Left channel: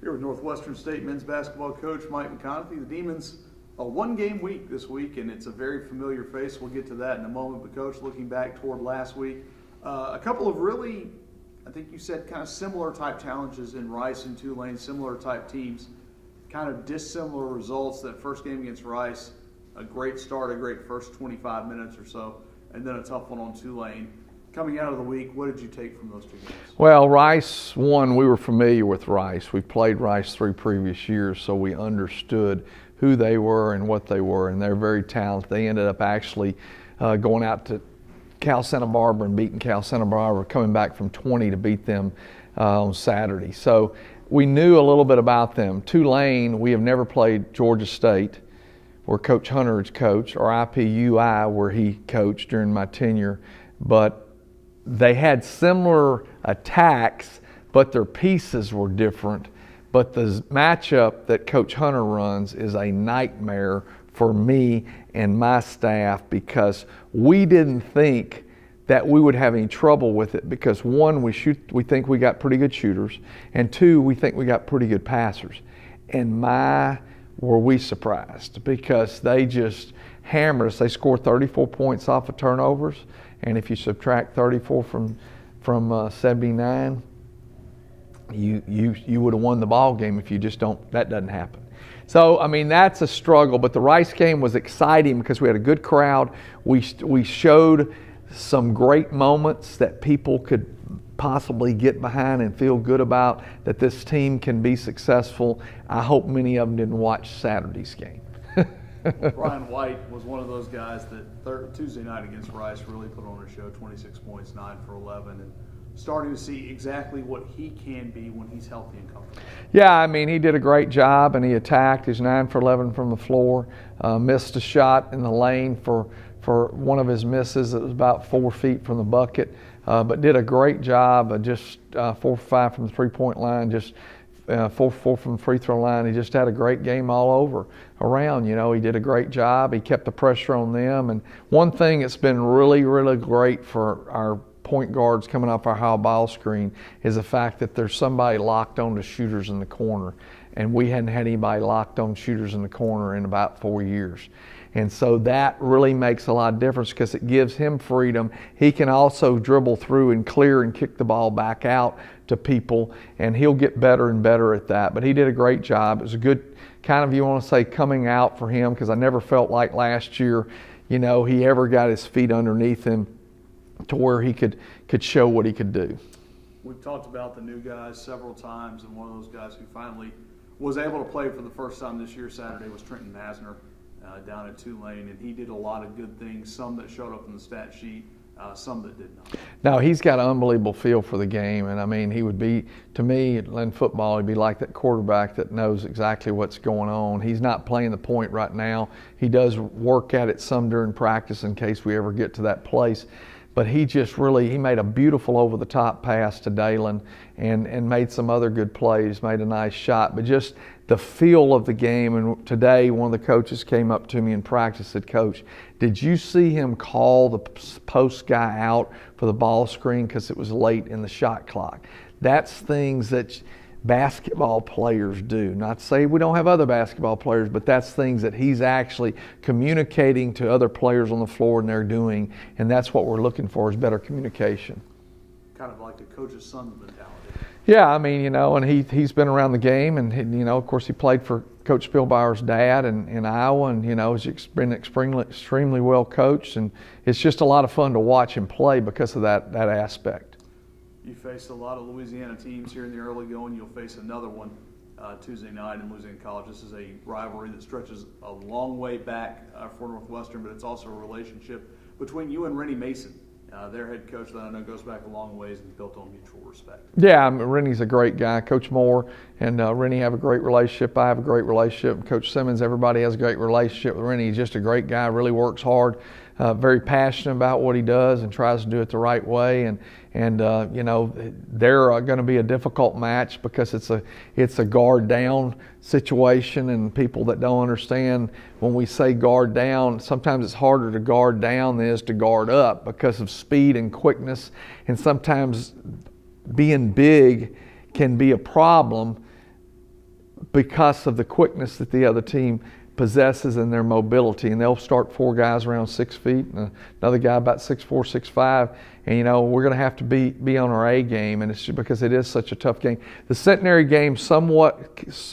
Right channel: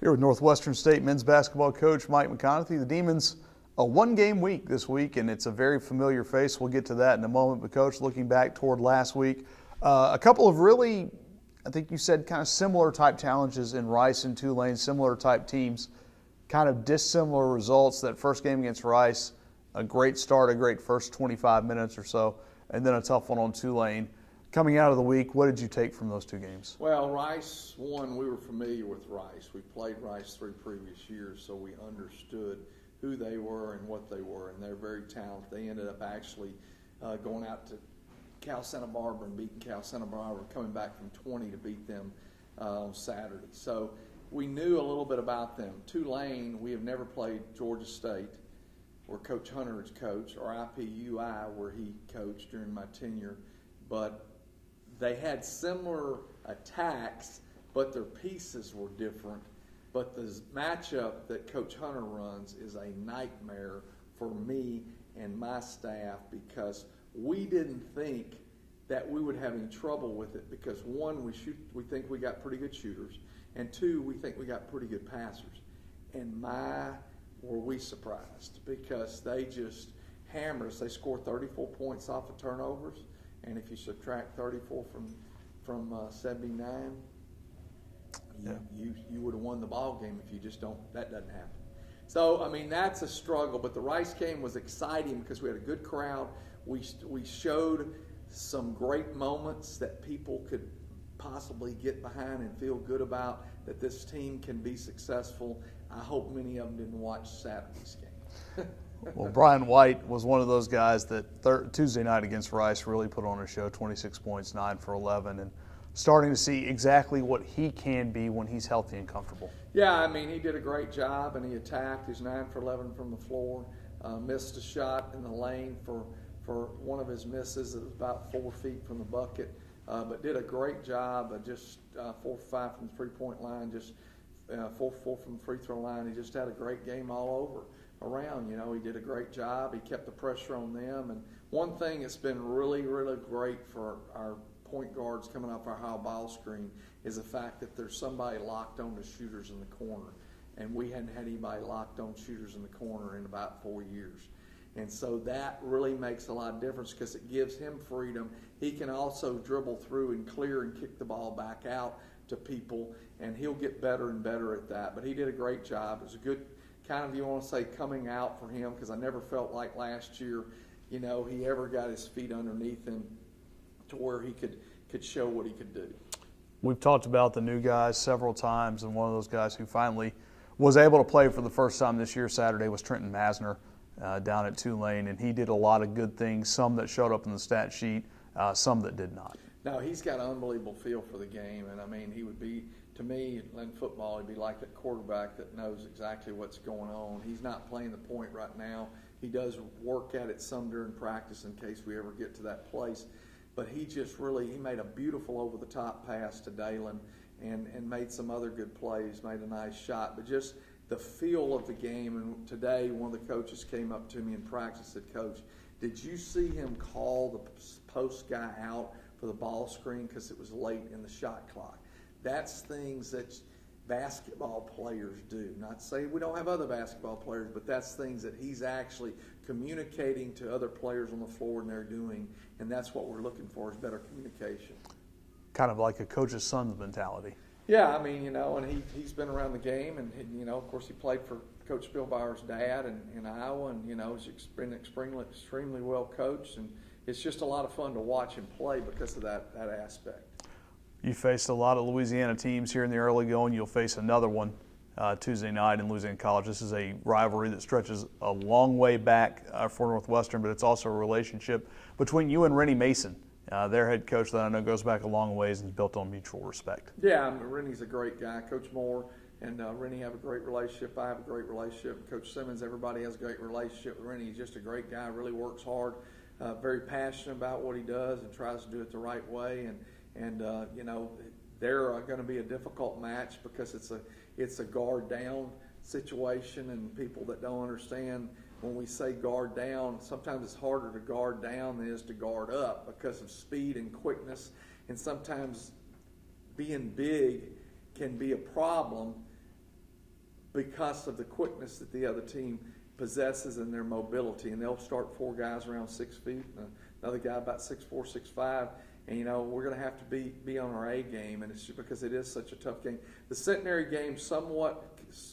Here with Northwestern State men's basketball coach Mike McConathy. The Demons, a one-game week this week, and it's a very familiar face. We'll get to that in a moment. But, Coach, looking back toward last week, a couple of really, I think you said, kind of similar type challenges in Rice and Tulane, similar type teams, kind of dissimilar results. That first game against Rice, a great start, a great first 25 minutes or so, and then a tough one on Tulane. Coming out of the week, what did you take from those two games? Well, Rice, one, we were familiar with Rice. We played Rice 3 previous years, so we understood who they were and what they were, and they're very talented. They ended up actually going out to Cal Santa Barbara and beating Cal Santa Barbara, coming back from 20 to beat them on Saturday. So we knew a little bit about them. Tulane, we have never played Georgia State, where Coach Hunter is coach, or IPUI, where he coached during my tenure, but they had similar attacks, but their pieces were different. But the matchup that Coach Hunter runs is a nightmare for me and my staff, because we didn't think that we would have any trouble with it, because one, we think we got pretty good shooters, and two, we think we got pretty good passers. And were we surprised, because they just hammered us. They scored 34 points off of turnovers. And if you subtract 34 from 79, you would have won the ball game. If you just don't, that doesn't happen. So I mean, that's a struggle. But the Rice game was exciting because we had a good crowd. We showed some great moments that people could possibly get behind and feel good about, that this team can be successful. I hope many of them didn't watch Saturday's game. Well, Brian White was one of those guys that Tuesday night against Rice really put on a show, 26 points, 9 for 11, and starting to see exactly what he can be when he's healthy and comfortable. Yeah, I mean, he did a great job, and he attacked. He's 9 for 11 from the floor, missed a shot in the lane for one of his misses. It was about 4 feet from the bucket, but did a great job of just 4 for 5 from the three-point line, just 4 for 4 from the free throw line. He just had a great game all over around. You know, he did a great job. He kept the pressure on them. And one thing that's been really, really great for our point guards coming off our high ball screen is the fact that there's somebody locked on to shooters in the corner. And we hadn't had anybody locked on shooters in the corner in about 4 years. And so that really makes a lot of difference, because it gives him freedom. He can also dribble through and clear and kick the ball back out to people, and he'll get better and better at that. But he did a great job. It was a good kind of, you want to say, coming out for him, because I never felt like last year, you know, he ever got his feet underneath him to where he could show what he could do. We've talked about the new guys several times, and one of those guys who finally was able to play for the first time this year Saturday was Trenton Basner down at Tulane, and he did a lot of good things, some that showed up in the stat sheet, some that did not. No, he's got an unbelievable feel for the game, and I mean, he would be, to me, in football, he'd be like that quarterback that knows exactly what's going on. He's not playing the point right now. He does work at it some during practice in case we ever get to that place. But he just really, he made a beautiful over-the-top pass to Dalen and made some other good plays, made a nice shot. But just the feel of the game, and today one of the coaches came up to me in practice and said, "Coach, did you see him call the post guy out for the ball screen because it was late in the shot clock?" That's things that basketball players do. Not to say we don't have other basketball players, but that's things that he's actually communicating to other players on the floor, and they're doing, and that's what we're looking for, is better communication. Kind of like a coach's son mentality. Yeah, I mean, you know, and he's been around the game, and you know, of course, he played for Coach Spielbauer's dad in Iowa, and you know, he's been extremely well coached, and it's just a lot of fun to watch him play because of that aspect. You faced a lot of Louisiana teams here in the early going. You'll face another one Tuesday night in Louisiana College. This is a rivalry that stretches a long way back for Northwestern, but it's also a relationship between you and Rennie Mason, their head coach, that I know goes back a long ways and built on mutual respect. Yeah, I mean, Rennie's a great guy. Coach Moore and Rennie have a great relationship. I have a great relationship. Coach Simmons, everybody has a great relationship with Rennie. He's just a great guy, really works hard, very passionate about what he does and tries to do it the right way. And you know, they're going to be a difficult match because it's a guard down situation, and people that don't understand, when we say guard down, sometimes it's harder to guard down than it is to guard up because of speed and quickness, and sometimes being big can be a problem because of the quickness that the other team possesses and their mobility, and they'll start 4 guys around 6 feet and another guy about 6'4", 6'5", and we're going to have to be on our A game, and it's just because it is such a tough game. The Centenary game somewhat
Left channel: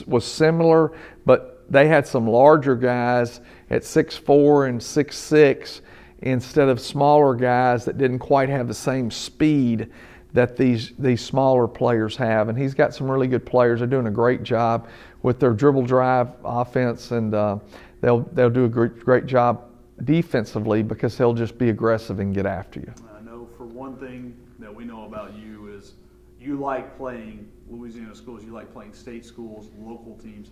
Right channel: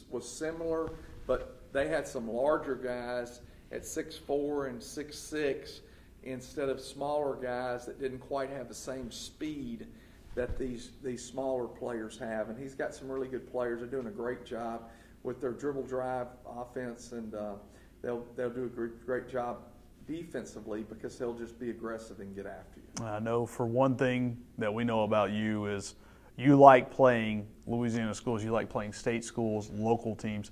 was similar, but they had some larger guys at 6'4" and 6'6" instead of smaller guys that didn't quite have the same speed that these smaller players have. And he's got some really good players. They're doing a great job with their dribble drive offense, and they'll do a great job defensively because they'll just be aggressive and get after you. I know for one thing that we know about you is you like playing Louisiana schools, you like playing state schools, local teams.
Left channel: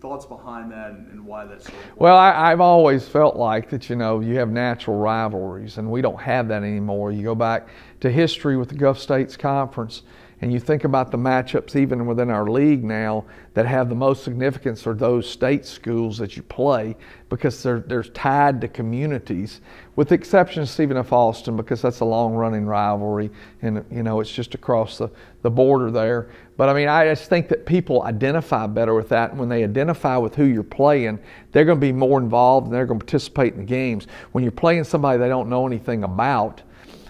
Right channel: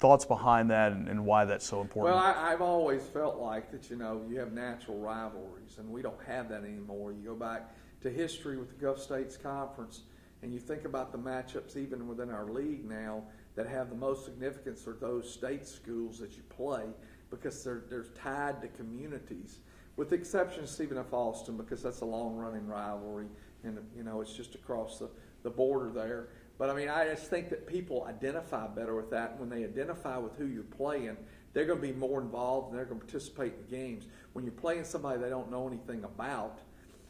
Thoughts behind that and why that's so important? Well, I've always felt like that, you have natural rivalries, and we don't have that anymore. You go back to history with the Gulf States Conference, and you think about the matchups even within our league now that have the most significance are those state schools that you play because they're tied to communities, with the exception of Stephen F. Austin because that's a long-running rivalry, and it's just across the border there. But I just think that people identify better with that, and when they identify with who you're playing, they're going to be more involved and they're going to participate in the games. When you're playing somebody they don't know anything about,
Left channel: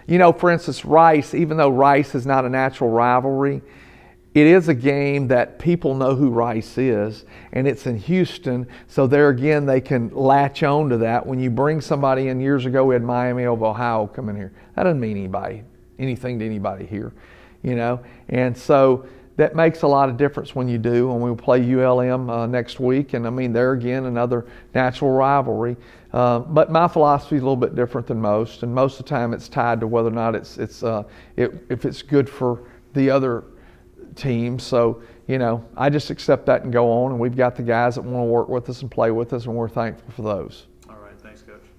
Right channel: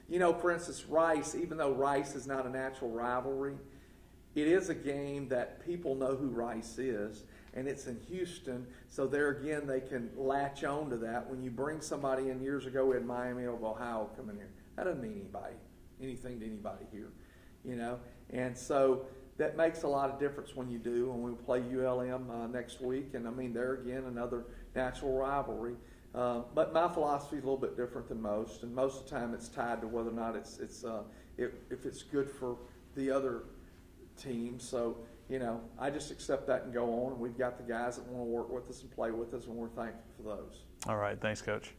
for instance, Rice, even though Rice is not a natural rivalry, it is a game that people know who Rice is, and it's in Houston, so there again they can latch on to that. When you bring somebody in, years ago we had Miami of Ohio come in here. That doesn't mean anything to anybody here, and so that makes a lot of difference when you do. When we play ULM next week, and there again another natural rivalry. But my philosophy is a little bit different than most, and most of the time it's tied to whether or not if it's good for the other team. So I just accept that and go on, and we've got the guys that want to work with us and play with us, and we're thankful for those. All right, thanks, Coach.